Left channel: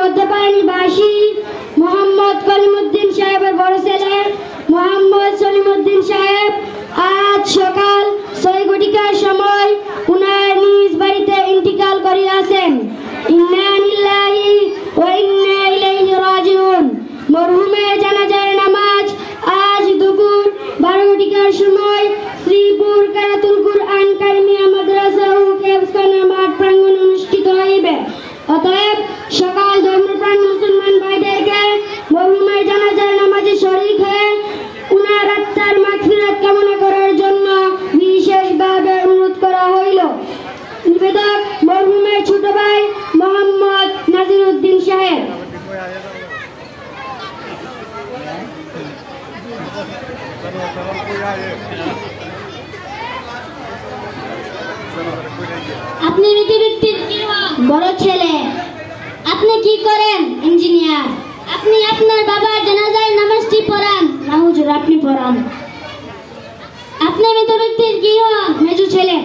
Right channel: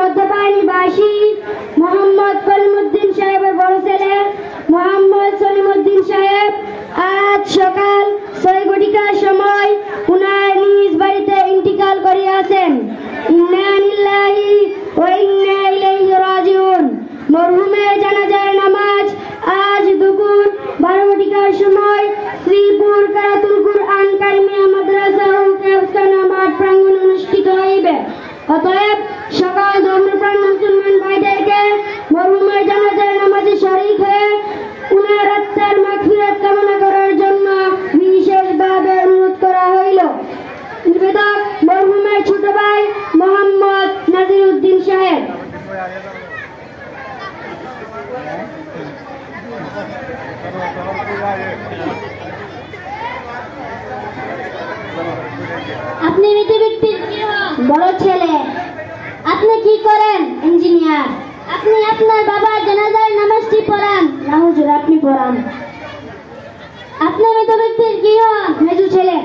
মধ্যপাড়া নিবাসী মোহাম্মদ কলিমুদ্দিন সাহেবের বড় ছেলে মোহাম্মদ সলিমুদ্দিন সাহেব আজ সকাল 6 ঘটিকার সময় উনার নিজ বাড়িতে ইন্তিকাল করিয়াছেন। ইন্না লিল্লাহি ওয়া ইন্না ইলাইহি রাজিউন। মরহুমের জানাজার নামাজ আজ দুপুর 12 ঘটিকার সময় শ্রীপুর কারাতুল কুরআন কারিমিয়া মাদ্রাসা ও ক্যাবখানা মাঠ প্রাঙ্গণে অনুষ্ঠিত হইবে। অতএব সকল ধর্মপ্রাণ মুসলমান ভাইদেরকে মরহুমের জানাজার নামাজে শরীক হয়ে উনার আত্মার মাগফিরাত কামনা করার জন্য বিশেষভাবে অনুরোধ করা হইল। নিবেদক মরহুমের ছোট ভাই মোহাম্মদ নাজিরউদ্দিন সাহেব। আপনি মৃত ব্যক্তির কি হন? বড় ছেলে। আপনি কি করেন? ইঞ্জিনিয়ার। আপনি আপনার বাবার জানাজার নামাজটি পড়ান? না হুজুর, আপনি পড়ান। আপনি মৃত ব্যক্তির কি হন? মেজো ছেলে।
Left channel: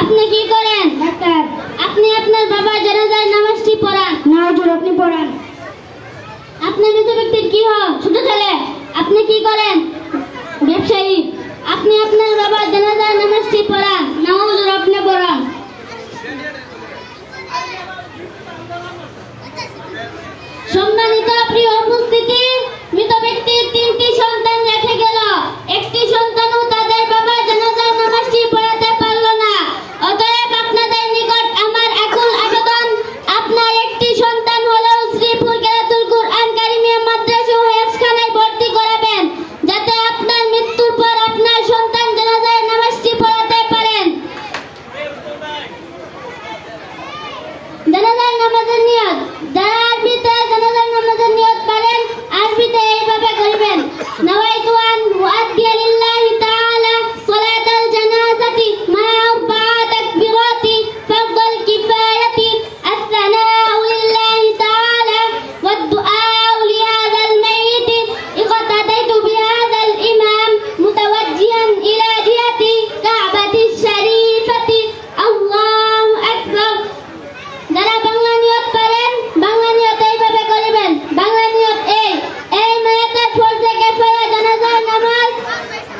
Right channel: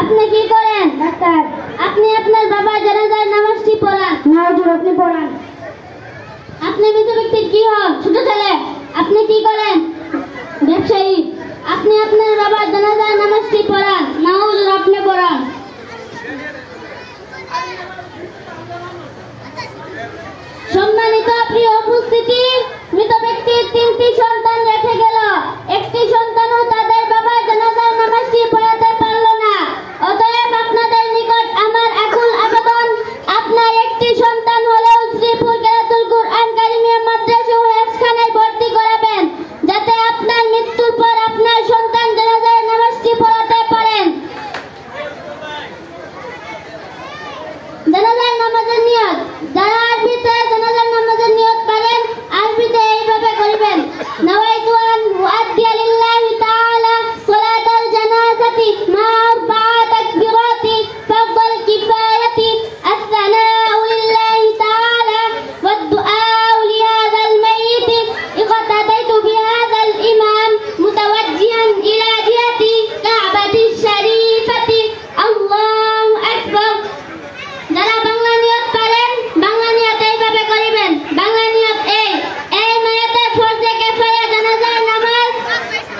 আপনি কি করেন? ডাক্তার। আপনি আপনার বাবার জানাজার নামাজটি পড়ান? না হুজুর, আপনি পড়ান। আপনি মৃত ব্যক্তির কি হন? ছোট ছেলে। আপনি কি করেন? ব্যবসায়ী। আপনি আপনার বাবার জানাজার নামাজটি পড়ান? না হুজুর, আপনি পড়ান। সম্মানিত প্রিয় উপস্থিতি, মৃত ব্যক্তির 3টি সন্তান রেখে গেল। একটি সন্তানও তাদের বাবার জানাজার নামাজটি পড়াতে পারল না। অতএব আপনাদের নিকট আমার আকুল আবেদন, আপনার একটি সন্তান হলেও শ্রীপুর কারাতুল কুরআন কারিমিয়া মাদ্রাসা ও হেফজখানায় ভর্তি করাবেন, যাতে আপনার মৃত্যুর পর আপনার সন্তান জানাজার নামাজটি পড়াতে পারেন। জানাজার নামাজের নিয়ত। যারা আরবিতে জানাজার নামাজের নিয়ত পারেন, আরবিতে এইভাবে করিবেন: নাওয়াইতু আন উআদ্দিয়া লিল্লাহি তাআলা সালাতাল জানাজাতি মা আরবা'a তাকবীরাতি ফারদাল কিফায়াতি আস-সালাউ লিল্লাহি তাআলা ওয়াদ-দুআউ লিহাযাল মাইয়িত ইqtadaytu বিহাযাল ইমাম মুতাওয়াজ্জিহান ইলা জিহাতি কা'বাতিশ শরীফাতি। আল্লাহু আকবার। যারা বাংলা নিয়ত পারেন, বাংলা নিয়ত এইভাবে করিবেন: বাংলা নিয়ত এই নিয়তের ফরজে কিফায়া জানাজার নামাজ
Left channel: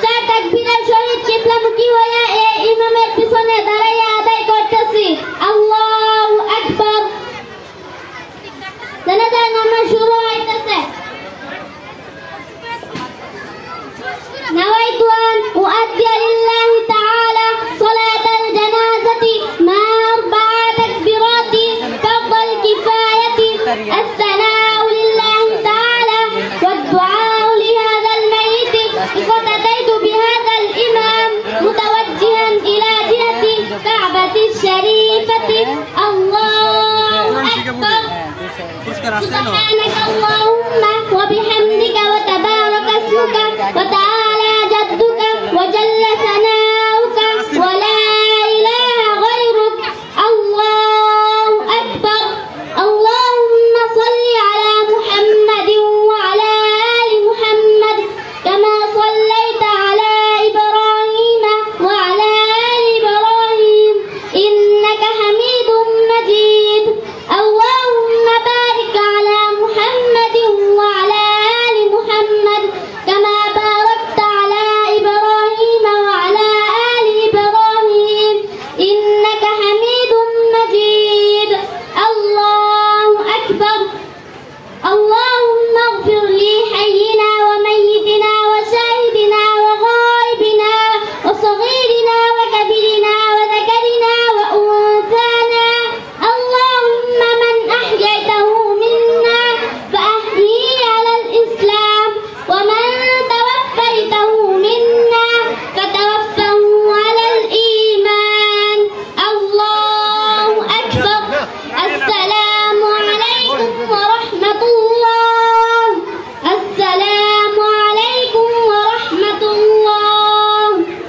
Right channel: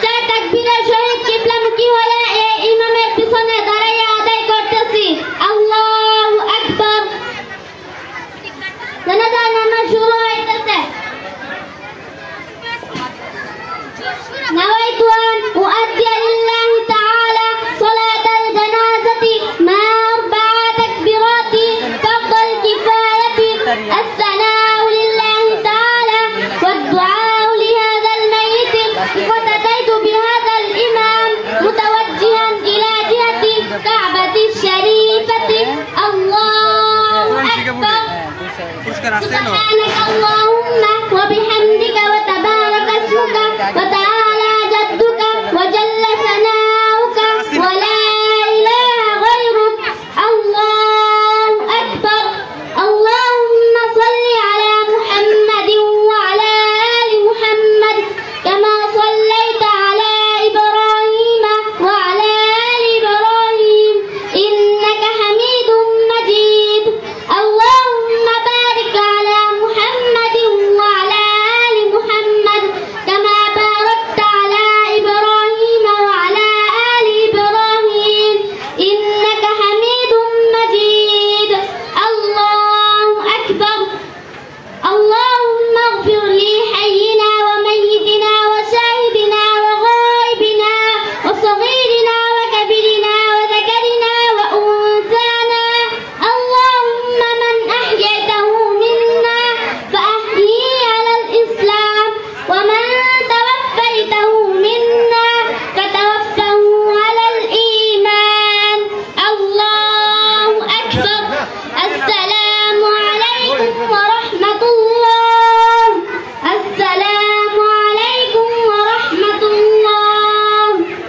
4 তাকবীরের সহিত কিবলামুখী হয়ে এই ইমামের পিছনে দাঁড়াইয়া আদায় করতেছি। আল্লাহু আকবার। জানাজার নামাজ শুরু হইতেছে। নাওয়াইতু আন উআদ্দিয়া লিল্লাহি তাআলা সালাতাল জানাজাতি মা আরবা'a তাকবীরাতি ফারদাল কিফায়াতি আস-সালাউ লিল্লাহি তাআলা ওয়াদ-দুআউ লিহাযাল মাইয়িত ইqtadaytu বিহাযাল ইমাম মুতাওয়াজ্জিহান ইলা জিহাতি কা'বাতিশ শরীফাতি। আল্লাহু আকবার। পুরস্কার আছে না? আল্লাহুম্মা ওয়া বিহামদিকা ওয়া তাবারাকা ইসমুকা ওয়া